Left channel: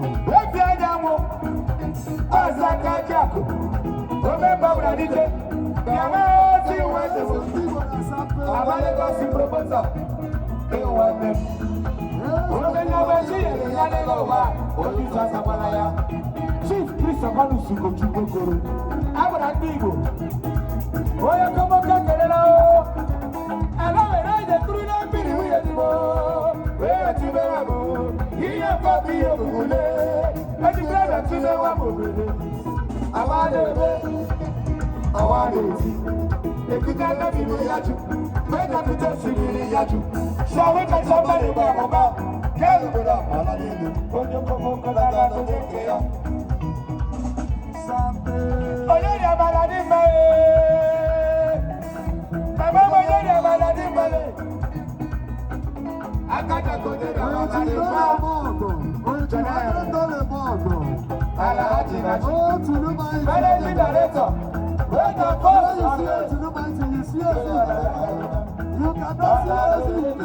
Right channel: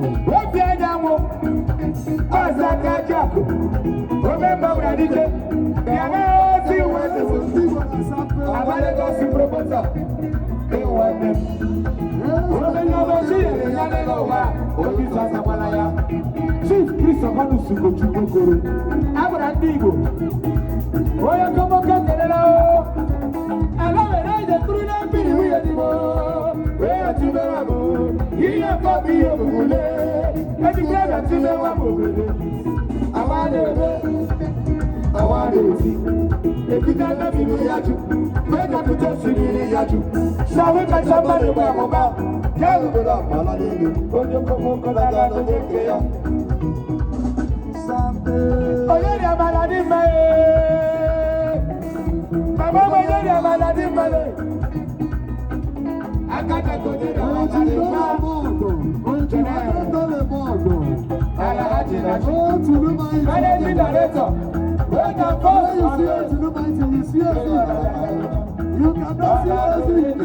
Rafiadamo, Azaka Jaco, remember Radite, Yamati, where the Amalekos proposal. They want them. Chief Christopher Suko Chukuru, Abradigo. Oya como Cacarao. I love it, I just threw them to the wheel. Where to the Wabo? Here you go, be your Gule. And you grab it to the Wabo. I want to see. If you can't have you, where can you just see you? Shall we catch somebody by Mama? Tell me that, Malady. When you come home, I got to take care. Olórí Abalade mẹ́ẹ̀ẹ́. Bàbá mi olórí Abalade mẹ́ẹ̀ẹ́. Akẹ́kọ̀ọ́ kò ní ìdàgbà Abalade mẹ́ẹ̀ẹ́. Jọ̀nà ẹ̀rọ tó lè mọ̀ ọ̀gbọ̀n. Aláàjì náà jù. Managing director. When the first you see it, you see it. You cannot see it.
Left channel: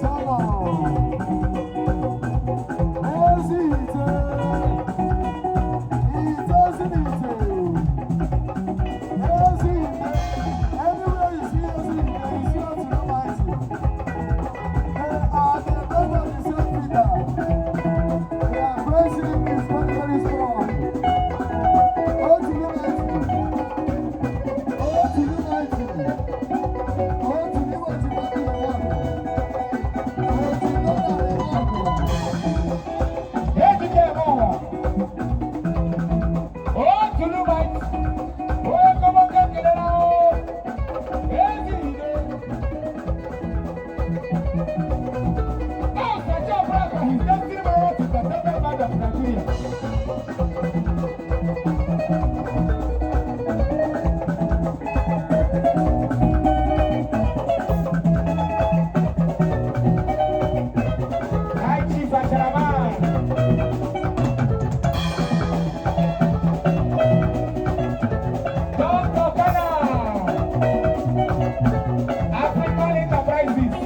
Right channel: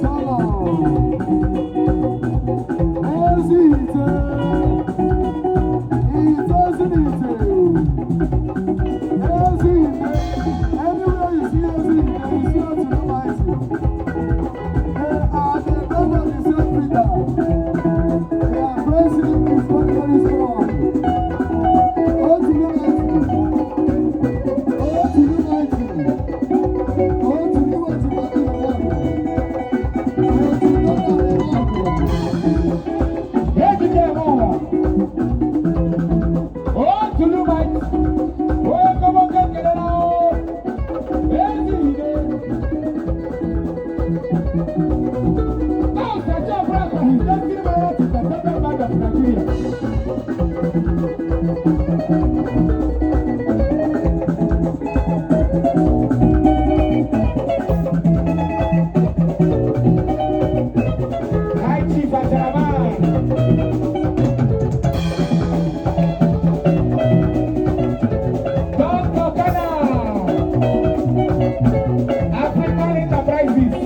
Solo. African Enterprises.